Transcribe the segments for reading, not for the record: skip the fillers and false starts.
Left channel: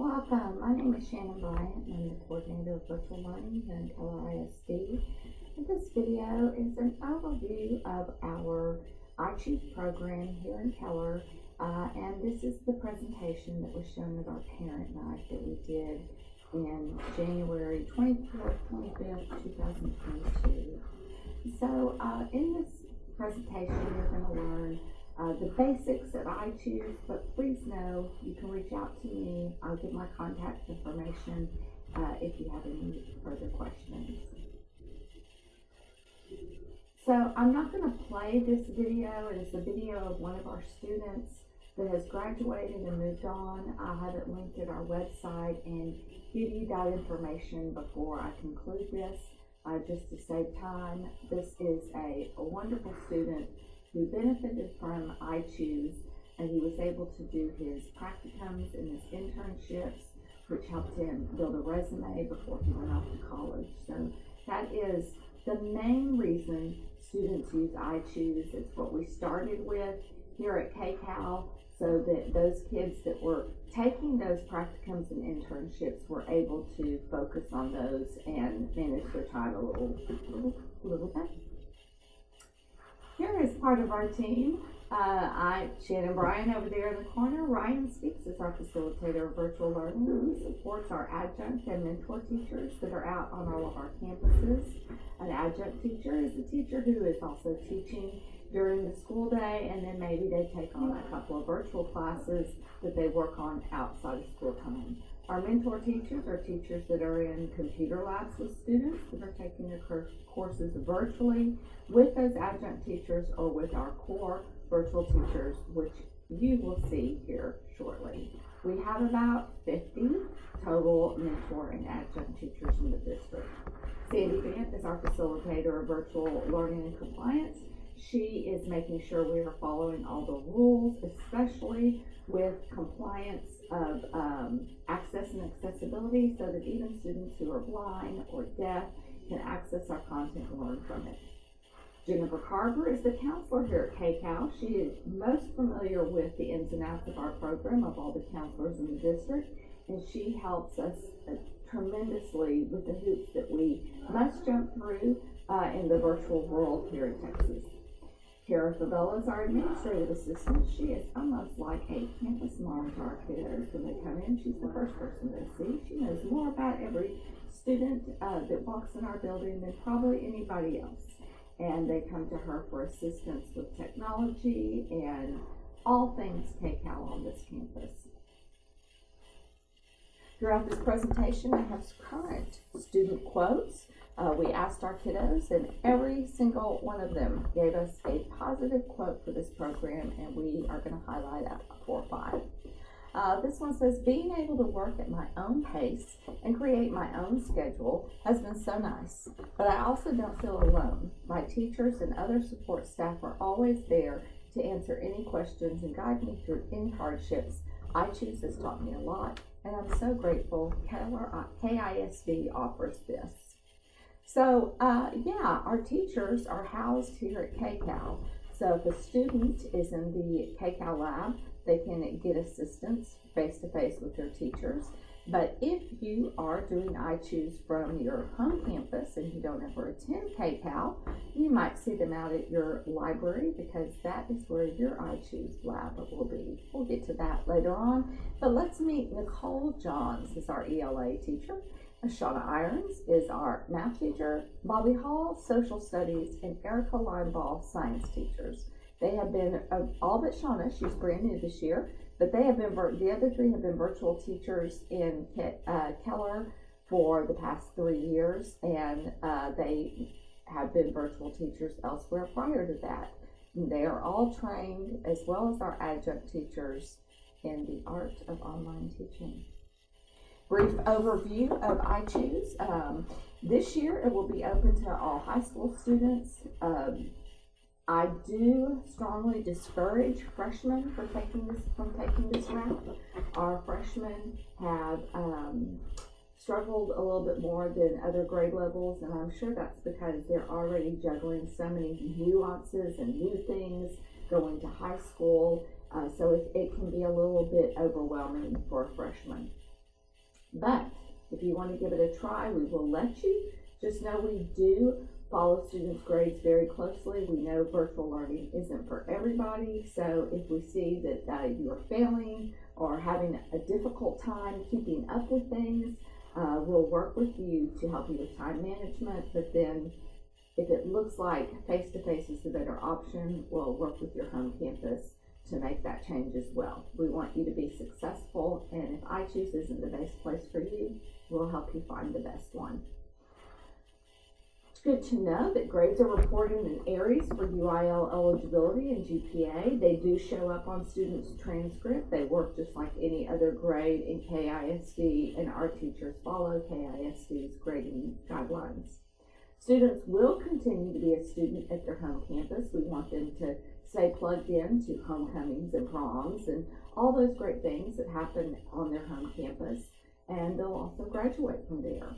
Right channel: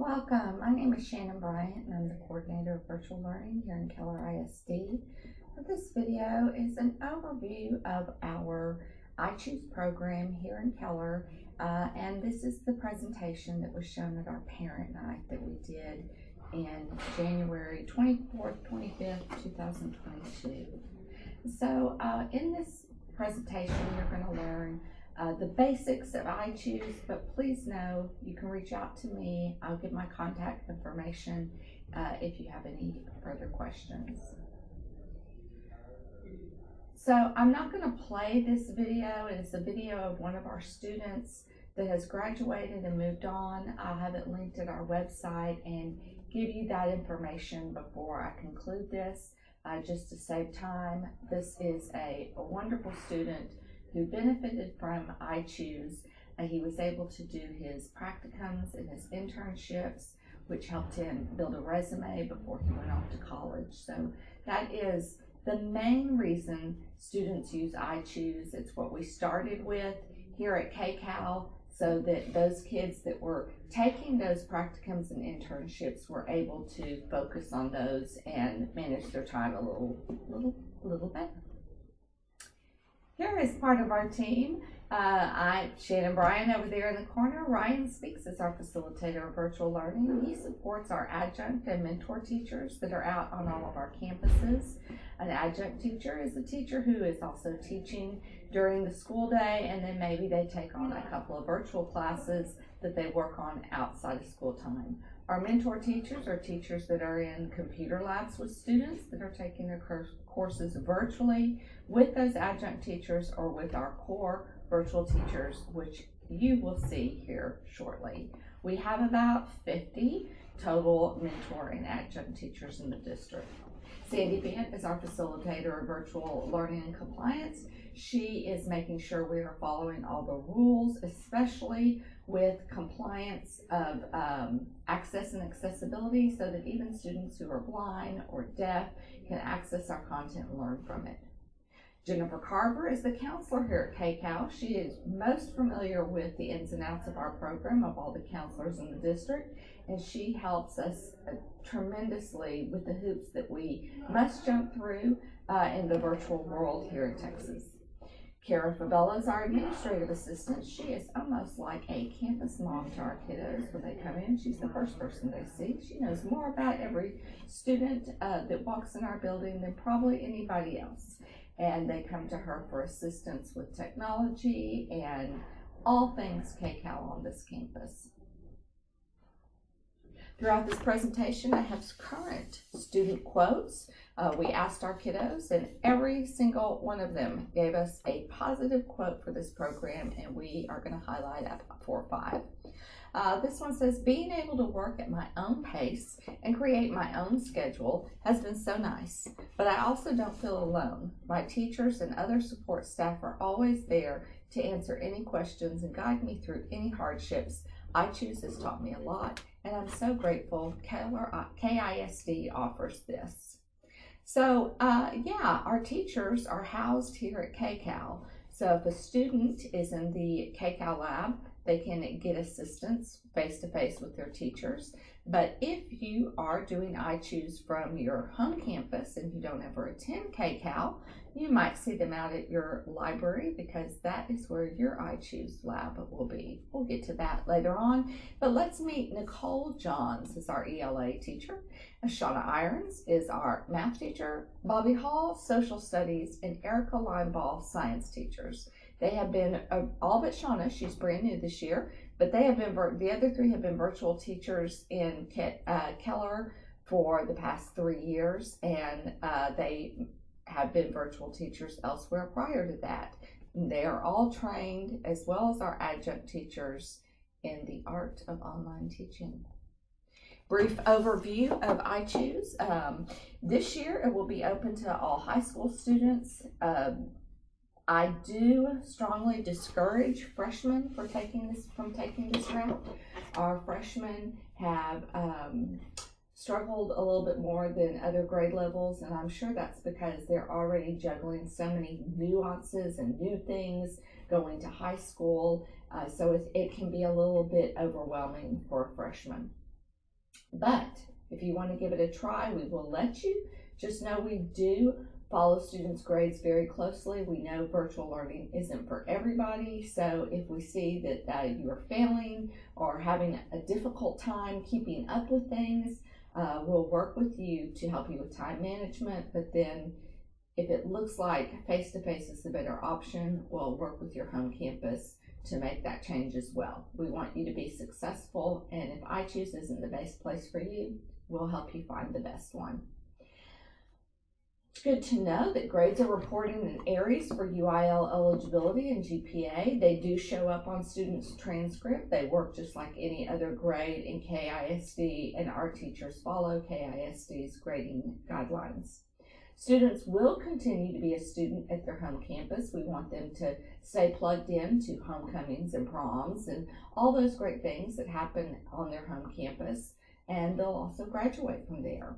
Welcome. My name is Shannon Bryant and I'm the coordinator of virtual learning here in Keller ISD. This video is an overview of our iChoose program here in Keller, and this is the presentation that was shown at our parent night that we did in January 24th, 25th, 2022. So in this presentation you're going to learn the basics of iChoose, but please know you can reach out to me. I'll give my contact information if you have any further questions. So I'm not going to play this video. It is a video of one of our students that has graduated and moved on. I'll have it linked at our website and give you that information before I conclude this, just to save time. This is a wonderful student who benefited from iChoose, and he was able to do his practicums and his internships, which helped him build a resume before he went off to college. So that is the main reason students use iChoose. It's what we started with here at KCAL, so that those kids that were taking those practicums and internships were able to focus on those and manage their time a little better. Here is part of our team. Shannon Bryant over there in the corner. Ryan Speaks is our facilitator of virtual learning. He supports our adjunct and mentor teachers that are out on all of our campuses. An adjunct teacher is a teacher who is also teaching during the school day, and then maybe they take on a couple of virtual classes that they work on outside of school time. Our mentor teachers are teachers that are in computer labs with students that are taking their courses virtually with those adjunct teachers or with our core virtual teachers, which you will see here shortly. We have about 50 total mentor and adjunct teachers in the district. Sandy Bent is our facilitator of virtual learning and compliance. She is making sure we are following all the rules, especially with compliance of access and accessibility, so that even students who are blind or deaf can access our content and learn from it. Jennifer Carver is the counselor here at KCAL. She is most familiar with the ins and outs of our program, of all the counselors in the district, and she helps us tremendously with the hoops that we must jump through in the virtual world here in Texas. Kara Favela is our administrative assistant. She is almost like a campus mom to our kiddos. When they come in, she's the first person they see. She knows more about every student that walks in our building than probably anybody else. And they come to her for assistance with technology and all things KCAL on this campus. Throughout this presentation, I have current student quotes. We asked our kiddos, and every single one of them gave us a positive quote for this program, and we are going to highlight 4 or 5. This one says, "Being able to work at my own pace and create my own schedule has been so nice, but I also don't feel alone. My teachers and other support staff are always there to answer any questions and guide me through any hardships. iChoose has taught me a lot, and I'm so grateful Keller KISD offers this." So yeah, our teachers are housed here at KCAL. So if a student is in the KCAL lab, they can get assistance face-to-face with their teachers. But if you are doing iChoose from your home campus and you don't ever attend KCAL, you might see them out at your library, because that is where your iChoose lab will be. We'll get to that later on. But let's meet Nicole Johns is our ELA teacher. Shauna Irons is our math teacher. Bobby Hall, social studies, and Erica Linebaugh, science teachers. They have been, all but Shauna, she's brand new this year, but they have been, the other 3 have been virtual teachers in Keller for the past 3 years, and they have been virtual teachers elsewhere prior to that. And they are all trained, as well as our adjunct teachers, in the art of online teaching. Brief overview of iChoose. This year it will be open to all high school students. I do strongly discourage freshmen from taking this route. Our freshmen have struggled a little bit more than other grade levels, and I'm sure that's because they're already juggling so many nuances and new things going to high school, so it can be a little bit overwhelming for a freshman. But if you want to give it a try, we will let you. Just know we do follow students' grades very closely. We know virtual learning isn't for everybody, so if we see that you are failing or having a difficult time keeping up with things, we'll work with you to help you with time management. But then if it looks like face-to-face is the better option, we'll work with your home campus to make that change as well. We want you to be successful, and if iChoose isn't the best place for you, we'll help you find the best one. It's good to know that grades are reported in Aries for UIL eligibility and GPA. They do show up on students' transcript. They work just like any other grade in KISD, and our teachers follow KISD's grading guidelines. Students will continue to be a student at their home campus. We want them to stay plugged in to homecomings and proms and all those great things that happen on their home campus, and they'll also graduate from there.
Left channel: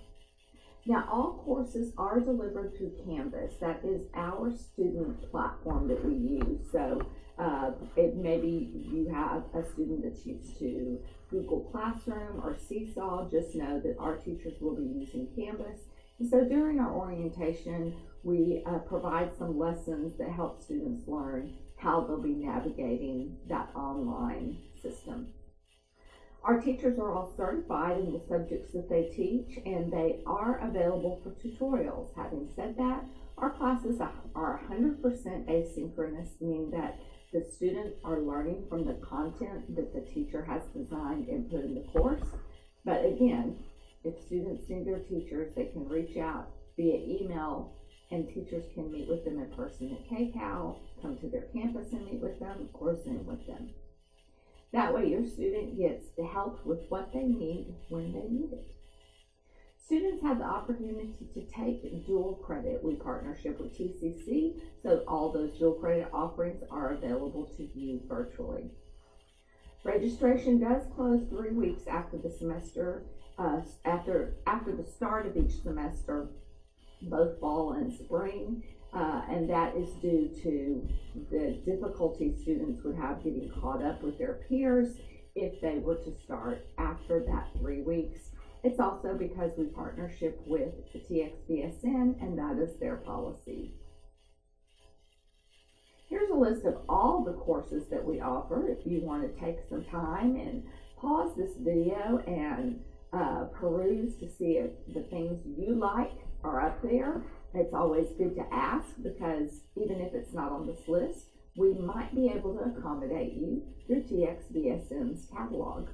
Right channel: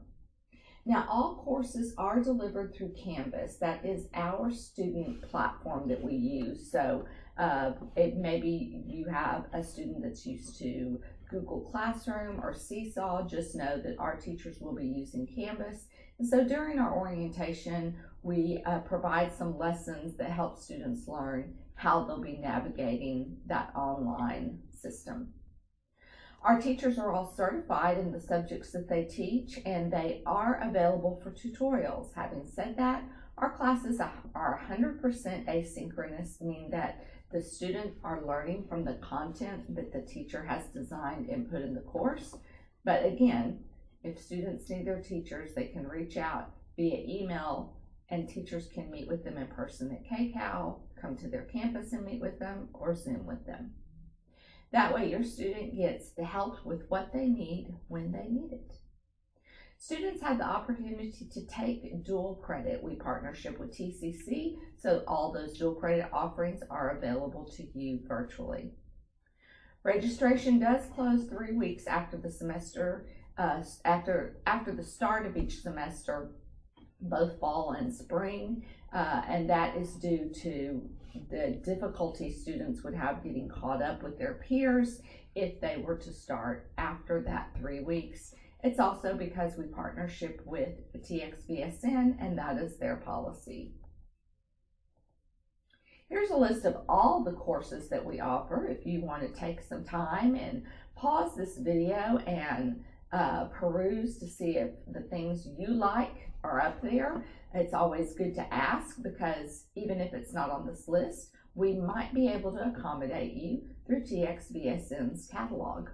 Now, all courses are delivered through Canvas. That is our student platform that we use. So it maybe you have a student that's used to Google Classroom or Seesaw. Just know that our teachers will be using Canvas. And so during our orientation, we provide some lessons that help students learn how they'll be navigating that online system. Our teachers are all certified in the subjects that they teach, and they are available for tutorials. Having said that, our classes are 100% asynchronous, meaning that the students are learning from the content that the teacher has designed and put in the course. But again, if students need their teachers, they can reach out via email, and teachers can meet with them in person at KCAL, come to their campus and meet with them, or Zoom with them. That way your student gets help with what they need when they need it. Students have the opportunity to take dual credit. We partnership with TCC, so all those dual credit offerings are available to you virtually. Registration does close 3 weeks after the semester, after the start of each semester, both fall and spring, and that is due to the difficulty students would have getting caught up with their peers if they were to start after that 3 weeks. It's also because we partnership with the TXVSN, and that is their policy. Here's a list of all the courses that we offer. If you want to take some time and pause this video and peruse to see if the things you like are up there. It's always good to ask, because even if it's not on this list, we might be able to accommodate you through TXVSN's catalog.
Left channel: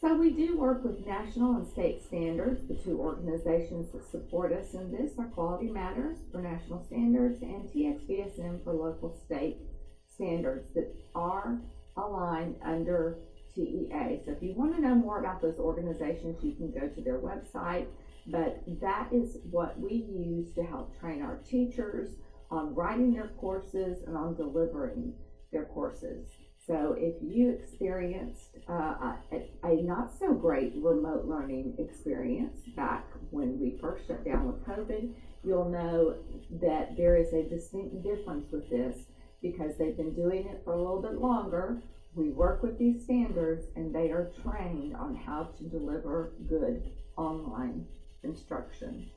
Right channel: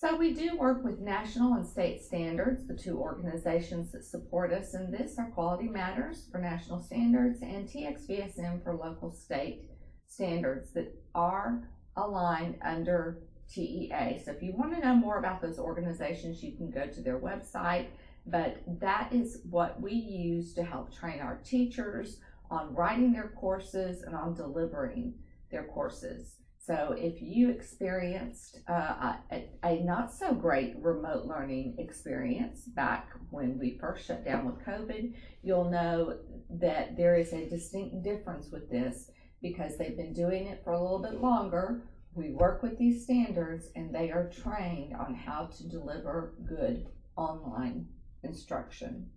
So we do work with national and state standards. The two organizations that support us in this are Quality Matters for national standards and TXVSN for local state standards that are aligned under TEA. So if you want to know more about those organizations, you can go to their website, but that is what we use to help train our teachers on writing their courses and on delivering their courses. So if you experienced a not so great remote learning experience back when we first shut down with COVID, you'll know that there is a distinct difference with this, because they've been doing it for a little bit longer. We work with these standards, and they are trained on how to deliver good online instruction.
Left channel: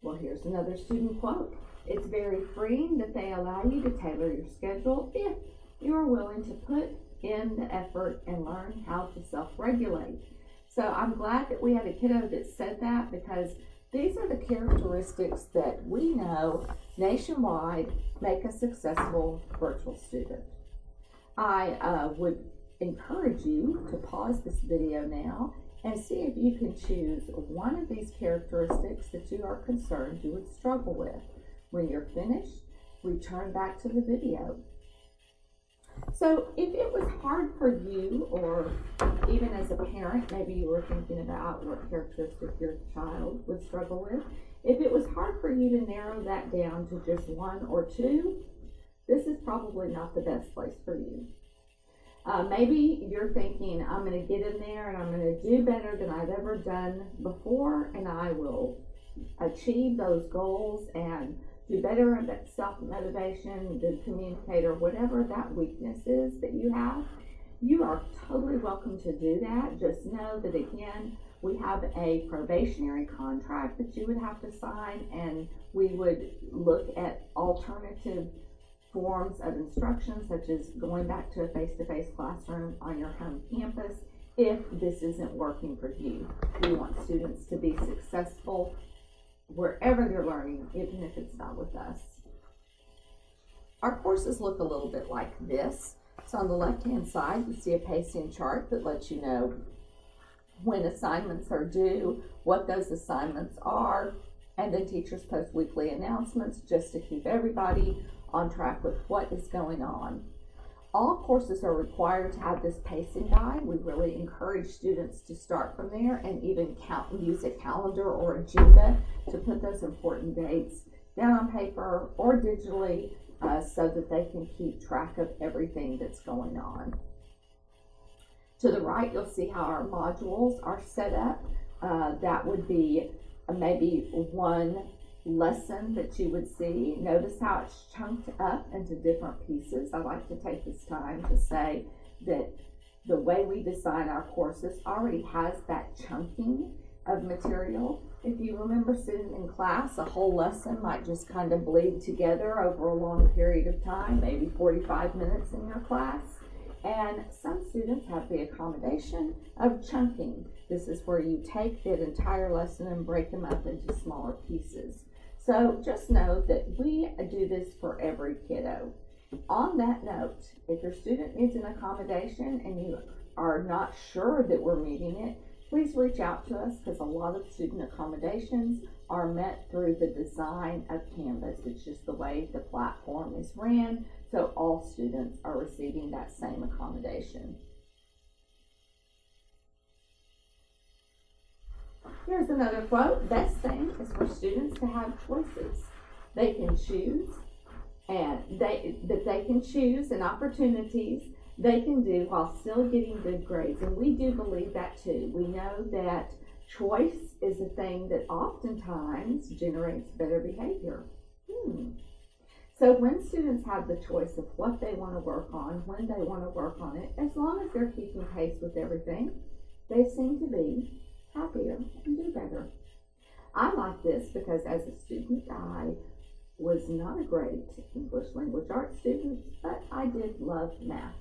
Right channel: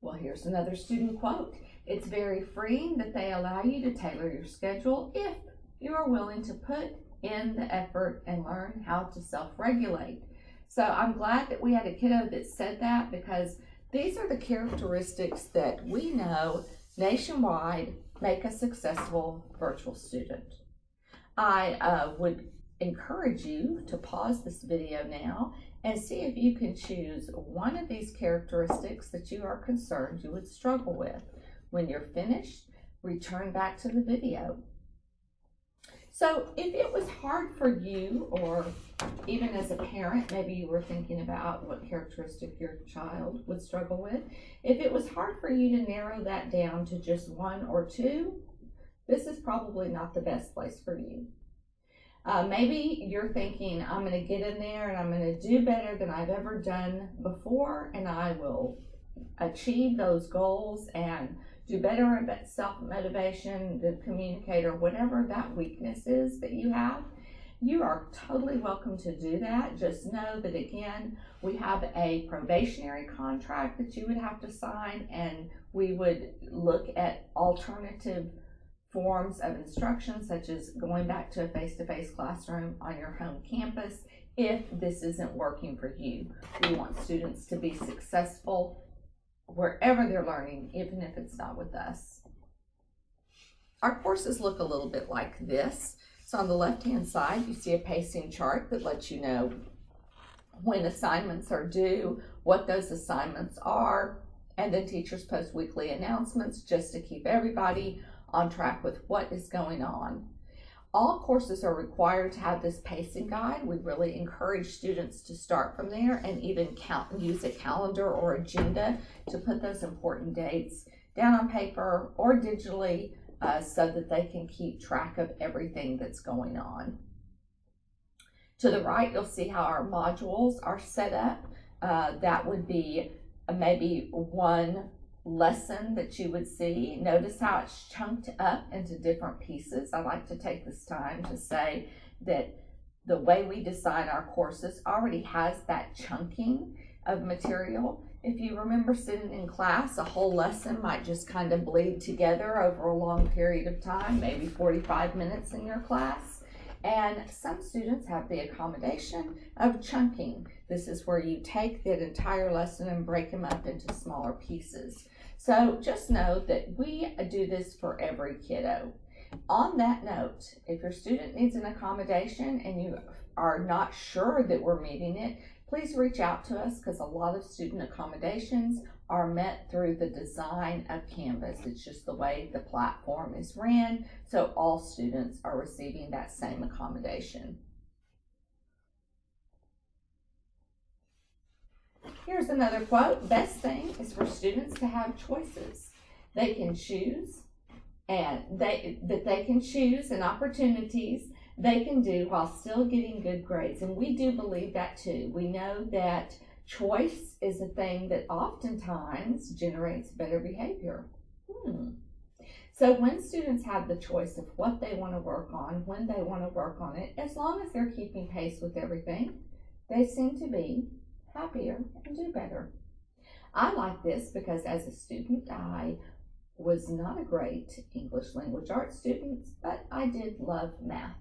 Well, here's another student quote. It's very freeing that they allow you to tailor your schedule if you are willing to put in the effort and learn how to self-regulate. So I'm glad that we had a kiddo that said that, because these are the characteristics that we know nationwide make a successful virtual student. I would encourage you to pause this video now and see if you can choose one of these characteristics that you are concerned you would struggle with. When you're finished, return back to the video. So if it was hard for you, or even as a parent, maybe you were thinking about what characteristic your child would struggle with. If it was hard for you to narrow that down to just one or two, this is probably not the best place for you. Maybe you're thinking, I'm going to get in there and I'm going to do better than I've ever done before, and I will achieve those goals and do better at self-motivation, the communicator, whatever that weakness is that you have. you are totally welcome to do that. Just know that, again, we have a probationary contract that you would have to sign, and we would look at alternative forms of instruction, such as going back to a face-to-face classroom on your home campus if this isn't working for you. We want students to be successful wherever they're learning, even if it's not with us. Our courses look a little bit like this. So on the left-hand side, you see a pacing chart that lets you know when assignments are due, what those assignments are, and then teachers post weekly announcements just to keep everybody on track with what is going on. All courses are required to have this pacing guide. We really encourage students to start from there and even use a calendar or agenda to put those important dates down on paper or digitally so that they can keep track of everything that's going on. To the right, you'll see how our modules are set up. That would be maybe one lesson that you would see. Notice how it's chunked up into different pieces. I like to take this time to say that the way we design our courses already has that chunking of material. If you remember sitting in class, a whole lesson might just kind of bleed together over a long period of time, maybe 45 minutes in your class. And some students have the accommodation of chunking. This is where you take that entire lesson and break them up into smaller pieces. So just know that we do this for every kiddo. On that note, if your student needs an accommodation and you are not sure that we're meeting it, please reach out to us, because a lot of student accommodations are met through the design of Canvas. It's just the way the platform is ran, so all students are receiving that same accommodation. Here's another quote. Best thing is for students to have choices. They can choose, and they can choose and opportunities they can do while still getting good grades. And we do believe that too. We know that choice is a thing that oftentimes generates better behavior. So when students have the choice of what they want to work on, when they want to work on it, as long as they're keeping pace with everything, they seem to be happier and do better. I like this because as a student, I was not a great English language arts student, but I did love math.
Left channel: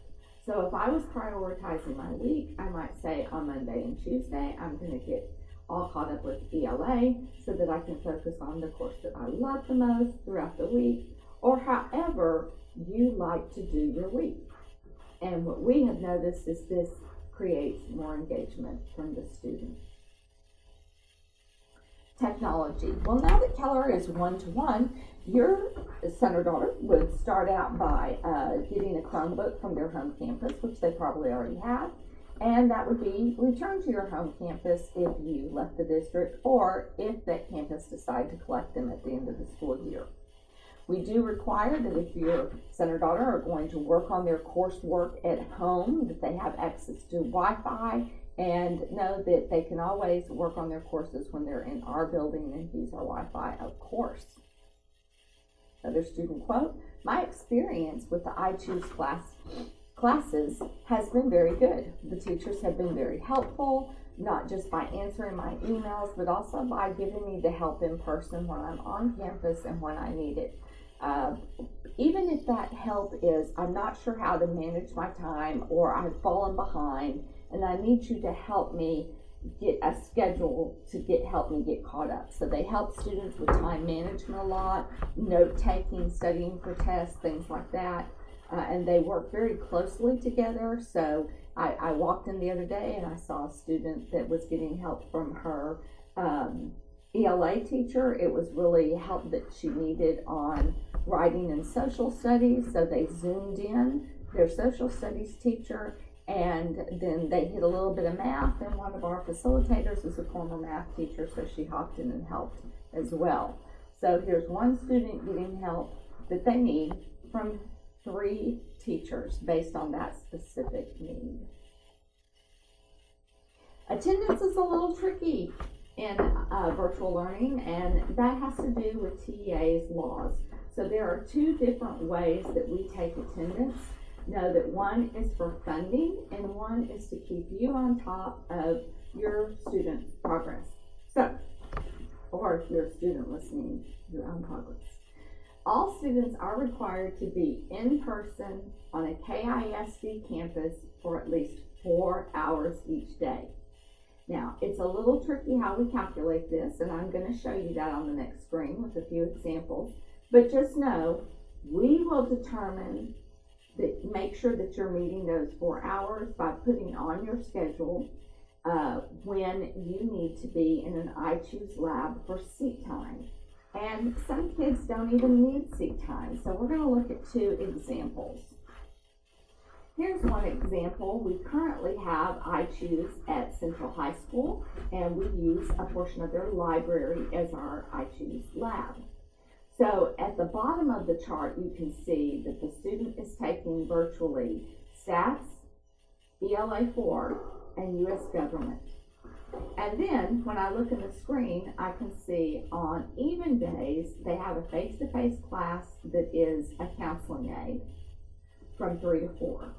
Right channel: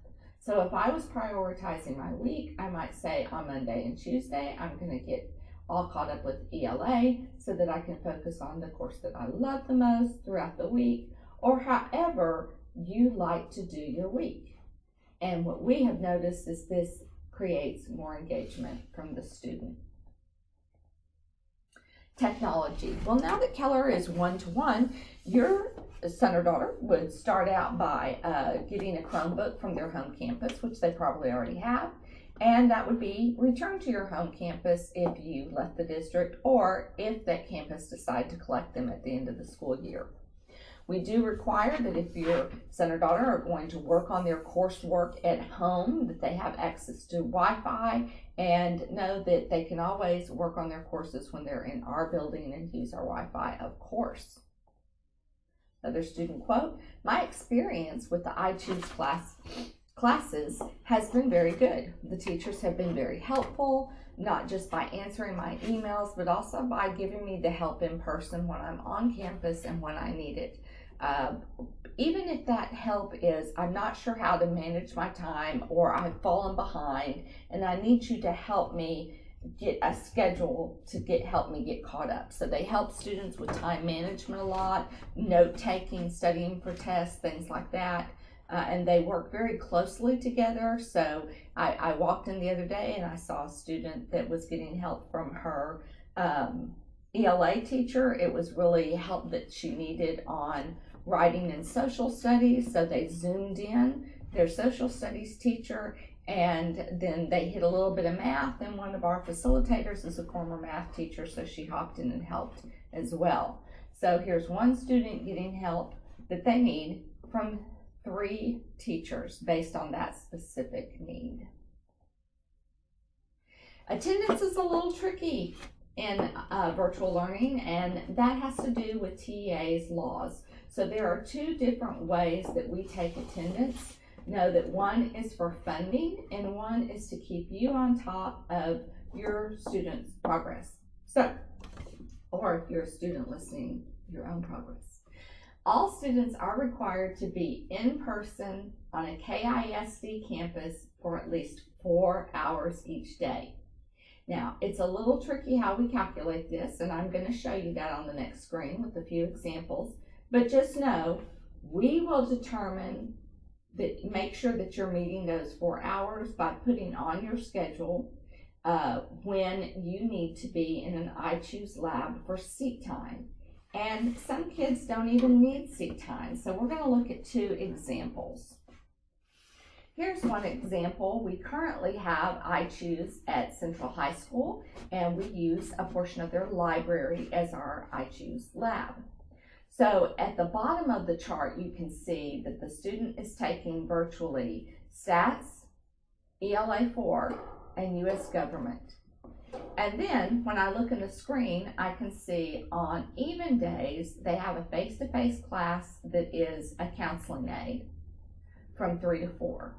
So if I was prioritizing my week, I might say on Monday and Tuesday, I'm going to get all caught up with ELA so that I can focus on the course that I love the most throughout the week, or however you like to do your week. And what we have noticed is this creates more engagement from the student. Technology. Well, now that Keller is one-to-one, your son or daughter would start out by getting a Chromebook from their home campus, which they probably already have, and that would be returned to your home campus if you left the district or if that campus decided to collect them at the end of the school year. We do require that if your son or daughter are going to work on their coursework at home, that they have access to Wi-Fi, and know that they can always work on their courses when they're in our building and use our Wi-Fi, of course. Another student quote, my experience with the iChoose classes has been very good. The teachers have been very helpful, not just by answering my emails, but also by giving me the help in person when I'm on campus and when I need it. Even if that help is, I'm not sure how to manage my time, or I've fallen behind and I need you to help me get a schedule to help me get caught up. So they help students with time management a lot, note taking, studying for tests, things like that. And they work very closely together. So I walked in the other day and I saw a student that was getting help from her ELA teacher. It was really help that she needed on writing and social studies. So they zoomed in their social studies teacher, and then they hit a little bit of math, and one of our facilitators is a former math teacher, so she hopped in and helped as well. So here's one student getting help that they need from 3 teachers based on that specific need. Attendance is a little tricky in virtual learning, and that has to do with TEA's laws. So there are 2 different ways that we take attendance. know that one is for funding and one is to keep you on top of your students' progress. So, or if you're a student listening, your own progress. All students are required to be in person on a KISD campus for at least 4 hours each day. Now, it's a little tricky how we calculate this, and I'm going to show you that on the next screen with a few examples. But just know, we will determine that, make sure that you're meeting those 4 hours by putting on your schedule when you need to be in an iChoose lab for seat time. And some kids don't even need seat time. So we're going to look at 2 examples. Here's one example. We currently have iChoose at Central High School, and we use a portion of their library as our iChoose lab. So at the bottom of the chart, you can see that the student is taking virtually stats, ELA 4, and US government. And then when I look in the screen, I can see on even days, they have a face-to-face class that is a counseling aid from 3 to 4.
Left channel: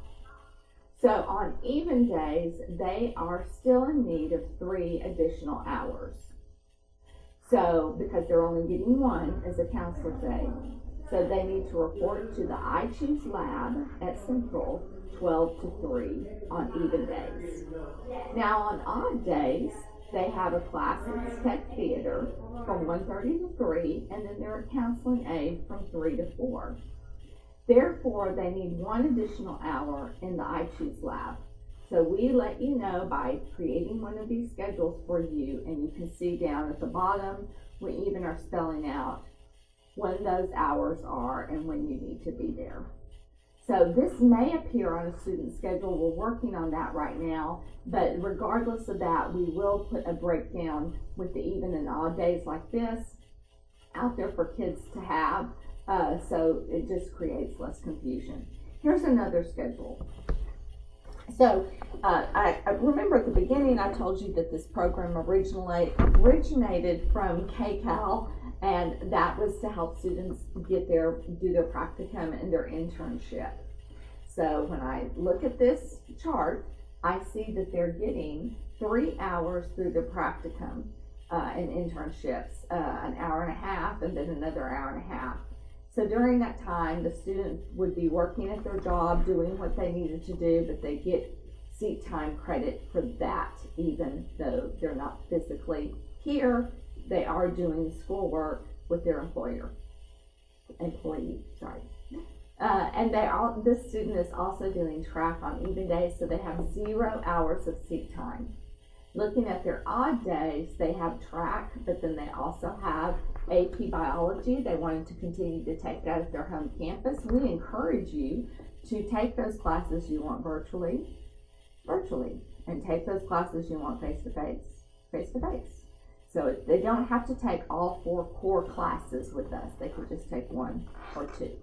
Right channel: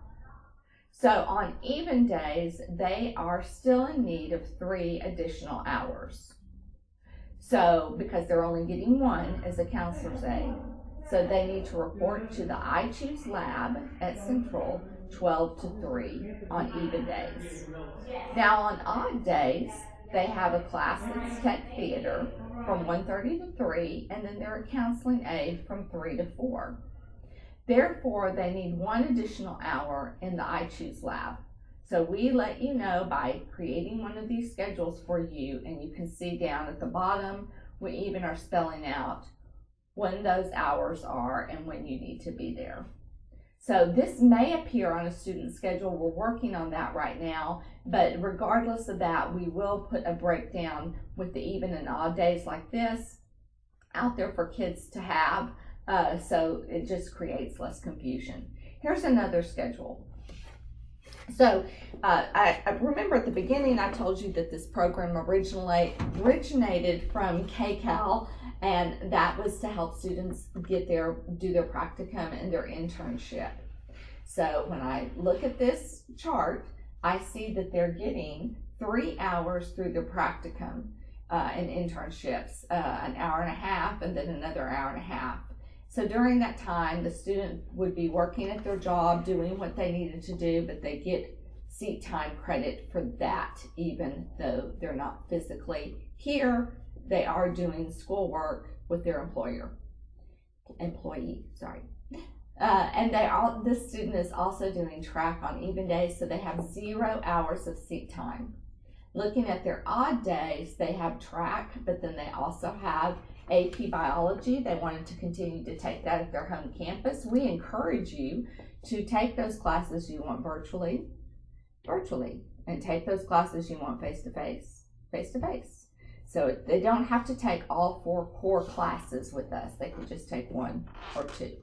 So on even days, they are still in need of 3 additional hours. So because they're only getting 1 as a counselor's aide. So they need to report to the iChoose lab at Central 12 to 3 on even days. Now on odd days, they have a class that's tech theater from 1:30 to 3, and then they're a counseling aide from 3 to 4. Therefore, they need 1 additional hour in the iChoose lab. So we let you know by creating one of these schedules for you, and you can see down at the bottom, we even are spelling out when those hours are and when you need to be there. So this may appear on a student schedule. We're working on that right now, but regardless of that, we will put a breakdown with the even and odd days like this out there for kids to have, so it just creates less confusion. Here's another schedule. So I remember at the beginning I told you that this program originated from KCAL, and that was to help students do their practicum and their internship. So when I look at this chart, I see that they're getting 3 hours through their practicum and internships, an hour and a half, and then another hour and a half. So during that time, the student would be working at their job, doing what they needed to do, but they get seat time credit for that, even though they're not physically here. They are doing schoolwork with their employee. And this student is also doing track on even days, so they have 0 hours of seat time. Looking at their odd days, they have track, but then they also have AP Biology. They wanted to continue to take that at their home campus. We encourage you to take those classes you want virtually, and take those classes you want face-to-face. So they don't have to take all 4 core classes with us. They could just take 1 or 2.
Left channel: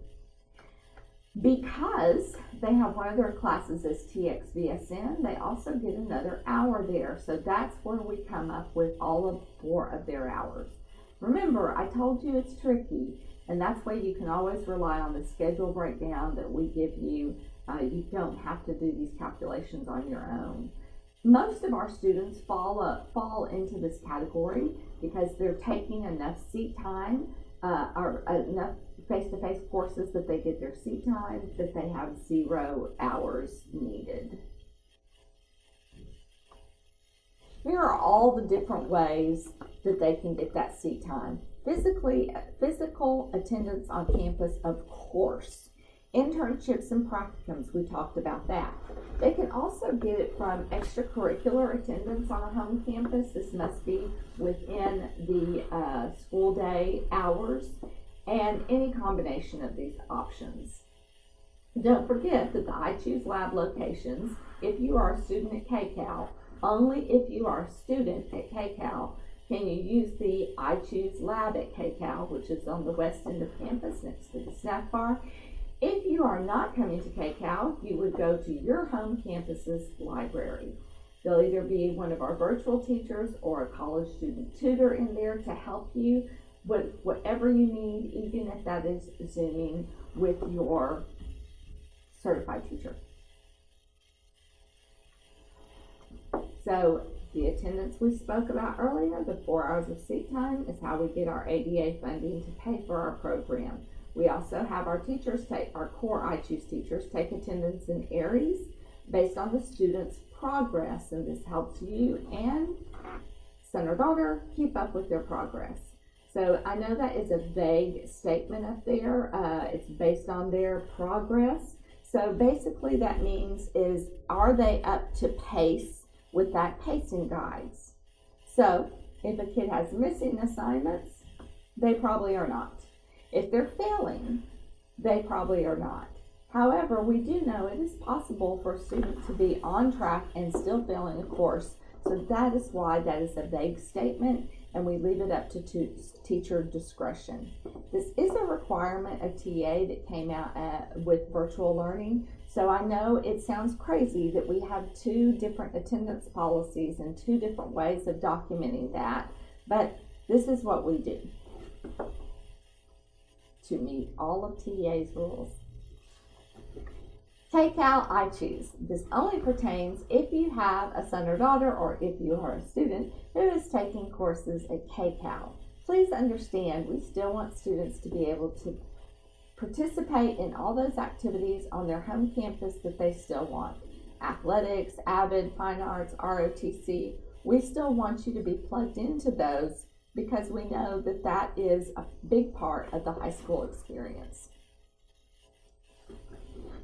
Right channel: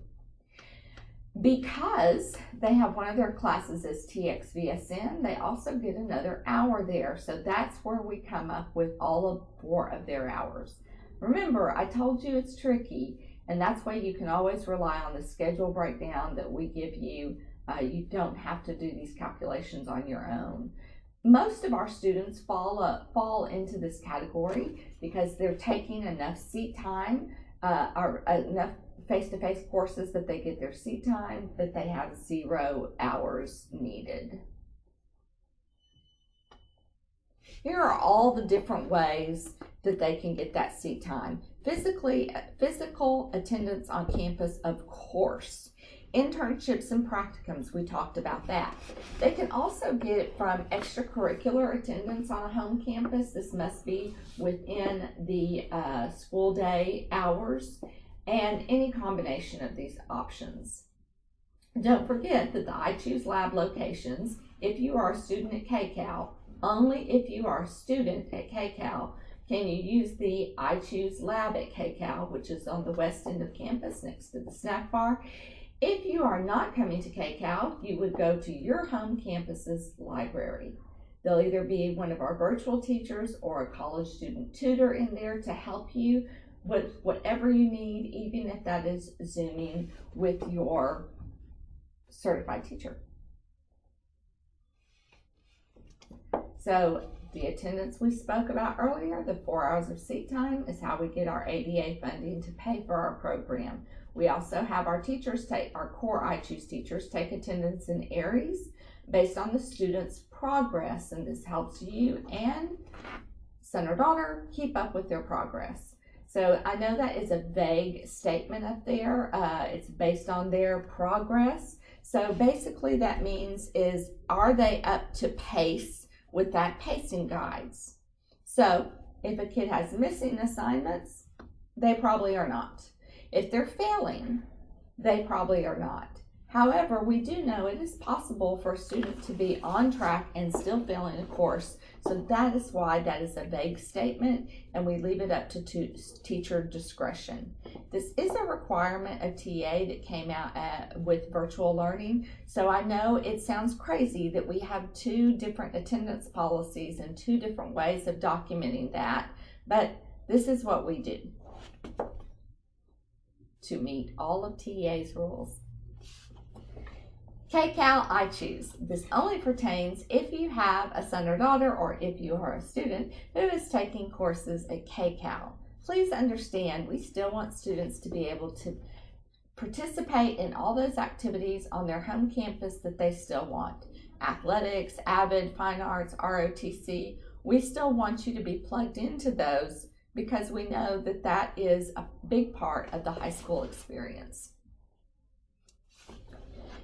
Because they have one of their classes as TXVSN, they also get another hour there. So that's where we come up with all of 4 of their hours. Remember, I told you it's tricky, and that's why you can always rely on the schedule breakdown that we give you. You don't have to do these calculations on your own. Most of our students fall into this category because they're taking enough seat time or enough face-to-face courses that they get their seat time, but they have 0 hours needed. Here are all the different ways that they can get that seat time. Physical attendance on campus, of course. Internships and practicums, we talked about that. They can also get it from extracurricular attendance on a home campus. This must be within the school day hours, and any combination of these options. Don't forget that the iChoose lab locations, if you are a student at KCAL, only if you are a student at KCAL can you use the iChoose lab at KCAL, which is on the west end of campus next to the snack bar. If you are not coming to KCAL, you would go to your home campus's library. There'll either be one of our virtual teachers or a college student tutor in there to help you with whatever you need, even if that is Zooming with your certified teacher. So the attendance we spoke about earlier, the 4 hours of seat time, is how we get our ADA funding to pay for our program. We also have our teachers our core iChoose teachers take attendance in Aries based on the student's progress, and this helps you and son or daughter keep up with their progress. So I know that is a vague statement up there. It's based on their progress. So basically that means is, are they up to pace with that pacing guides? So if a kid has missing assignments, they probably are not. If they're failing, they probably are not. However, we do know it is possible for a student to be on track and still failing a course. So that is why that is a vague statement, and we leave it up to teacher discretion. This is a requirement of TA that came out with virtual learning. So I know it sounds crazy that we have 2 different attendance policies and 2 different ways of documenting that, but this is what we do to meet all of TA's rules. KCAL iChoose. This only pertains if you have a son or daughter or if you are a student who is taking courses at KCAL. Please understand, we still want students to be able to participate in all those activities on their home campus that they still want. Athletics, AVID, Fine Arts, ROTC. We still want you to be plugged into those because we know that that is a big part of the high school experience.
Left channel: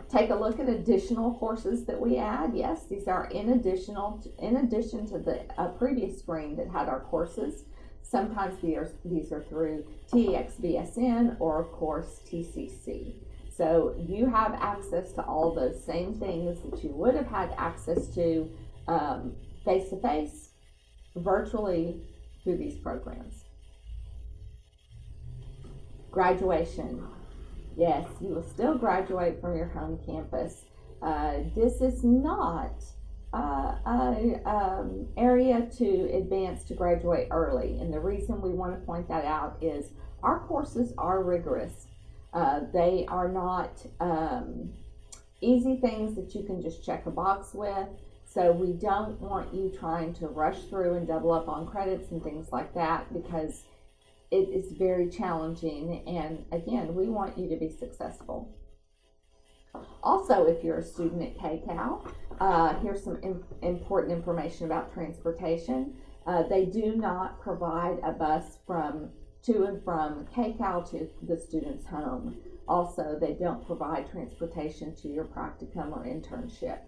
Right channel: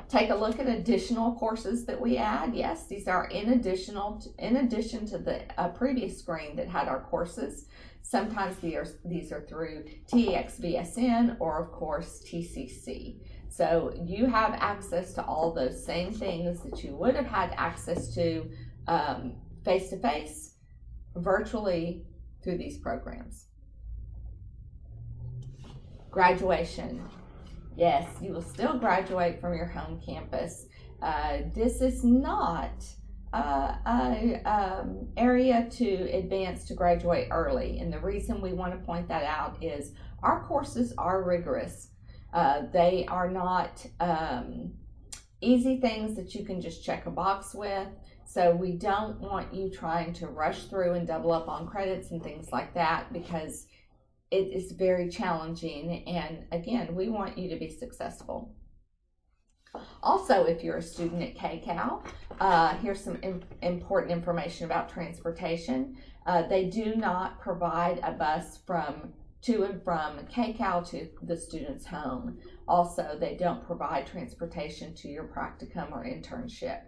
Take a look at additional courses that we add. Yes, these are in addition to the previous screen that had our courses. Sometimes these are through TXVSN or of course TCC. So you have access to all those same things that you would have had access to face-to-face, virtually through these programs. Graduation. Yes, you will still graduate from your home campus. This is not an area to advance to graduate early. And the reason we want to point that out is our courses are rigorous. They are not easy things that you can just check a box with. So we don't want you trying to rush through and double up on credits and things like that, because it is very challenging, and again, we want you to be successful. Also, if you're a student at KCAL, here's some important information about transportation. They do not provide a bus to and from KCAL to the student's home. Also, they don't provide transportation to your practicum or internship.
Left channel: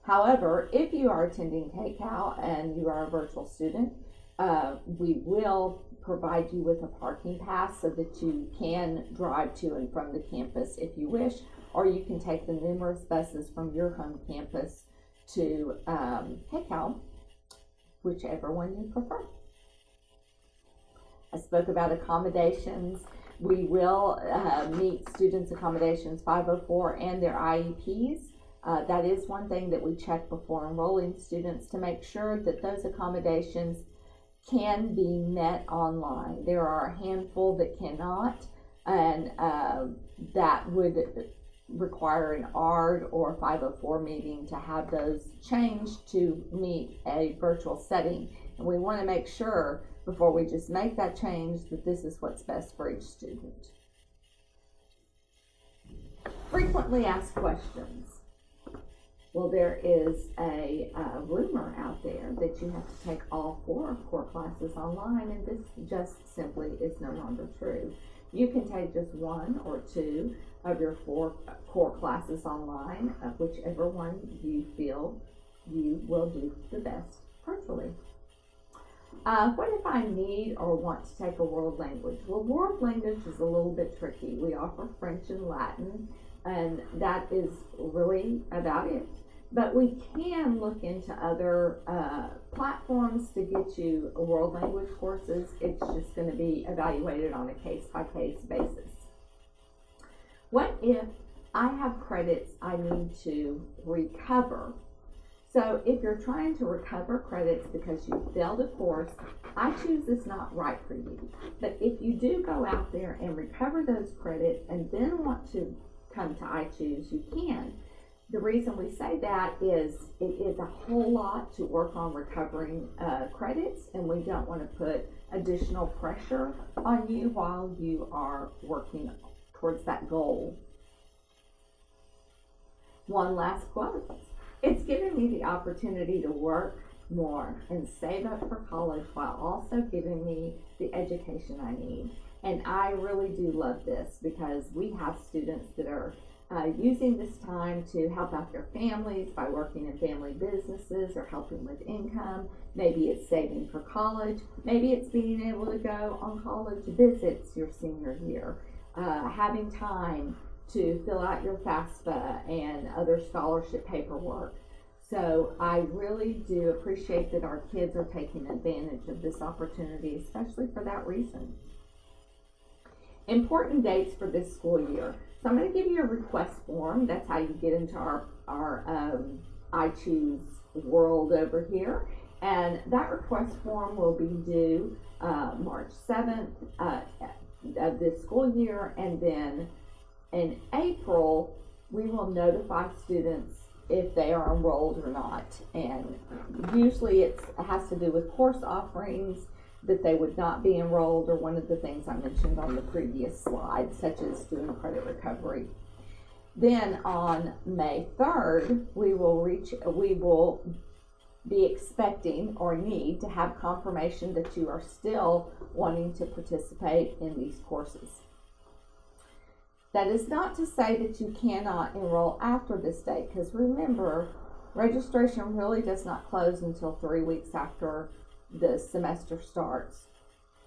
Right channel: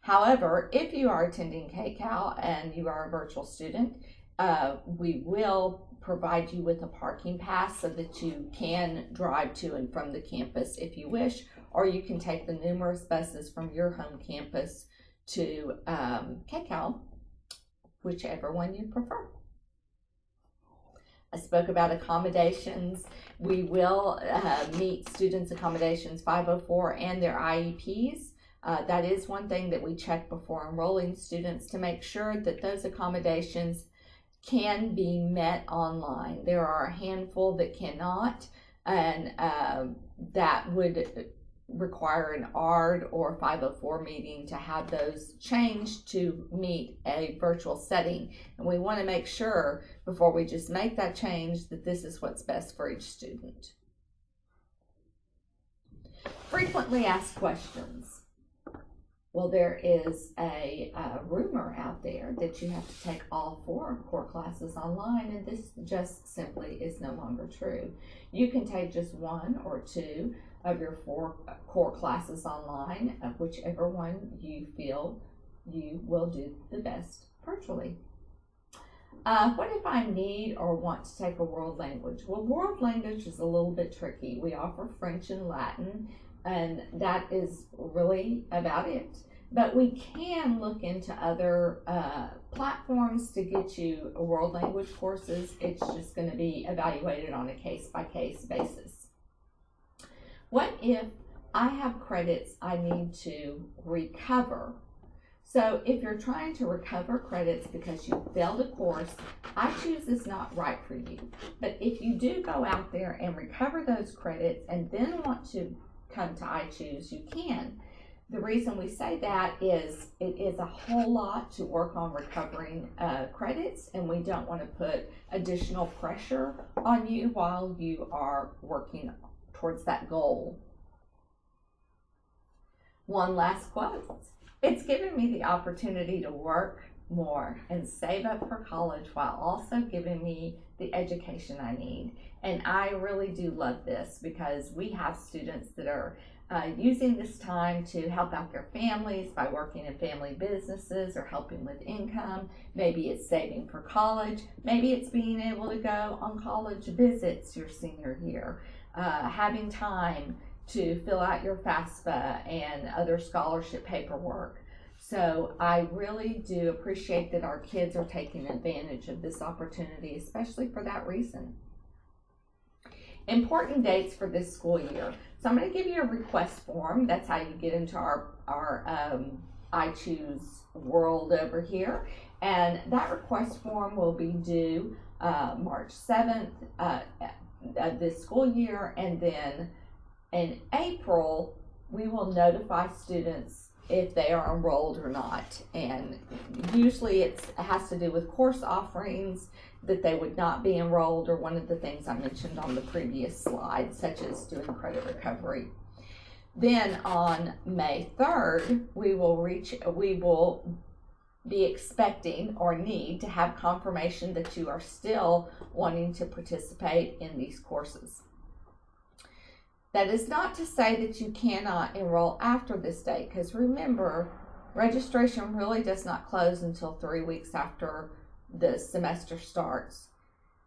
However, if you are attending KCAL and you are a virtual student, we will provide you with a parking pass so that you can drive to and from the campus if you wish, or you can take the numerous buses from your home campus to KCAL, whichever one you prefer. I spoke about accommodations. We will meet students' accommodations 504 and their IEPs. That is one thing that we check before enrolling students to make sure that those accommodations can be met online. There are a handful that cannot, and that would require an ARD or 504 meeting to have those changed to meet a virtual setting. And we want to make sure before we just make that change that this is what's best for each student. Frequently asked questions. Well, there is a rumor out there that you have to take all 4 core classes online, and this just simply is no longer true. You can take just 1 or 2 of your 4 core classes online, whichever one you feel you will do the best virtually. What if I need or want to take a world language? Well, world language is a little bit tricky. We offer French and Latin, and that is really about it. But we can look into other platforms to get you world language courses. It's just going to be evaluated on a case-by-case basis. What if I have credits I need to recover? So if you're trying to recover credits because you failed a course, iChoose is not right for you. But if you do go out there and recover those credits and then want to come to iChoose, you can. The reason we say that is it is a whole lot to work on recovering credits, and we don't want to put additional pressure on you while you are working towards that goal. One last quote. It's given me the opportunity to work more and save up for college while also giving me the education I need. And I really do love this because we have students that are using this time to help out their families by working in family businesses or helping with income. Maybe it's saving for college. Maybe it's being able to go on college visits your senior year, having time to fill out your FAFSA and other scholarship paperwork. So I really do appreciate that our kids are taking advantage of this opportunity, especially for that reason. Important dates for this school year. So I'm going to give you a request form. That's how you get into our iChoose world over here. And that request form will be due March 7th of this school year. And then in April, we will notify students if they are enrolled or not. And usually it has to do with course offerings, that they would not be enrolled, or one of the things I mentioned on the previous slide, such as student credit recovery. Then on May 3rd, we will be expecting or need to have confirmation that you are still wanting to participate in these courses. That is not to say that you cannot enroll after this date, because remember, registration really does not close until 3 weeks after the semester starts.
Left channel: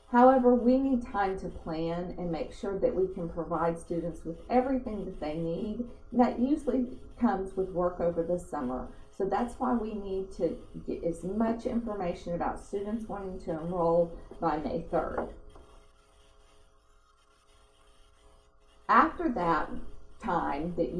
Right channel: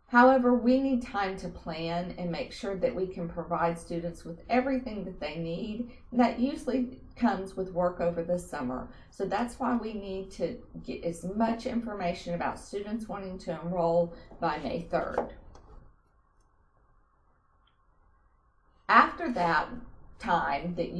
However, we need time to plan and make sure that we can provide students with everything that they need. And that usually comes with work over the summer. So that's why we need to get as much information about students wanting to enroll by May 3rd. After that time that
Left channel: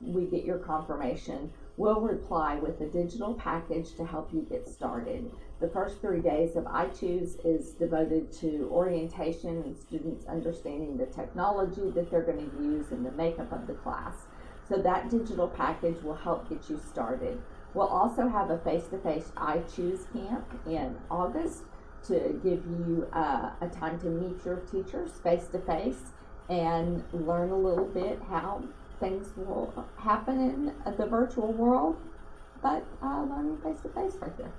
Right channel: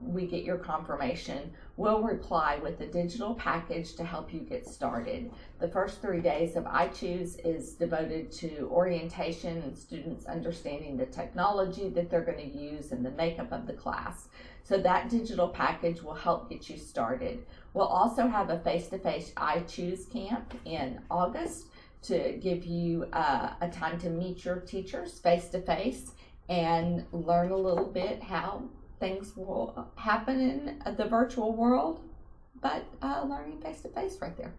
we get your confirmation, we'll reply with a digital package to help you get started. The first 3 days of iChoose is devoted to orientation and students understanding the technology that they're going to use and the makeup of the class. So that digital package will help get you started. We'll also have a face-to-face iChoose camp in August to give you a time to meet your teachers face-to-face and learn a little bit how things will happen in the virtual world, but learning face-to-face right there.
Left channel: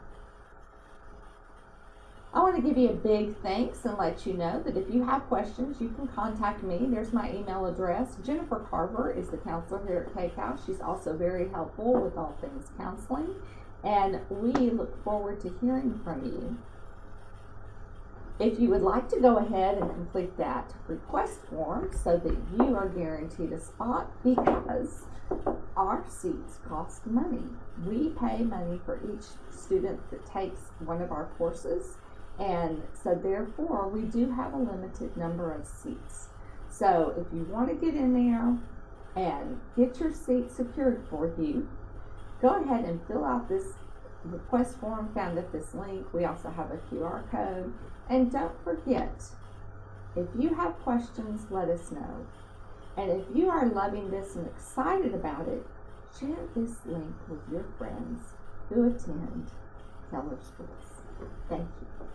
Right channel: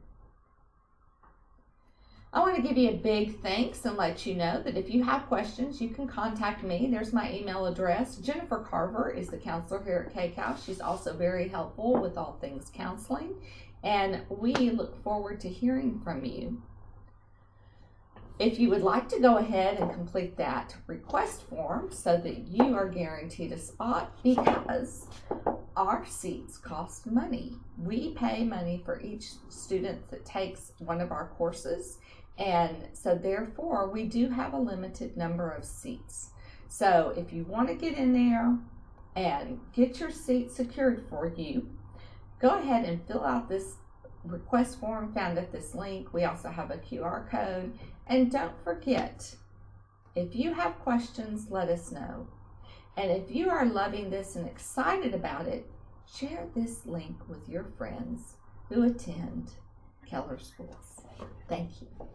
I want to give you a big thanks and let you know that if you have questions, you can contact me. There's my email address. Jennifer Carver is the counselor here at KCAL. She's also very helpful with all things counseling, and we look forward to hearing from you. If you would like to go ahead and complete that request form so that you are guaranteed a spot, because our seats cost money. We pay money for each student that takes one of our courses, and so therefore we do have a limited number of seats. So if you want to get in there and get your seat secured for you, go ahead and fill out this request form found at this link. We also have a QR code. And don't forget, if you have questions, let us know. And if you are loving this and excited about it, share this link with your friends who attend Keller schools. Thank you.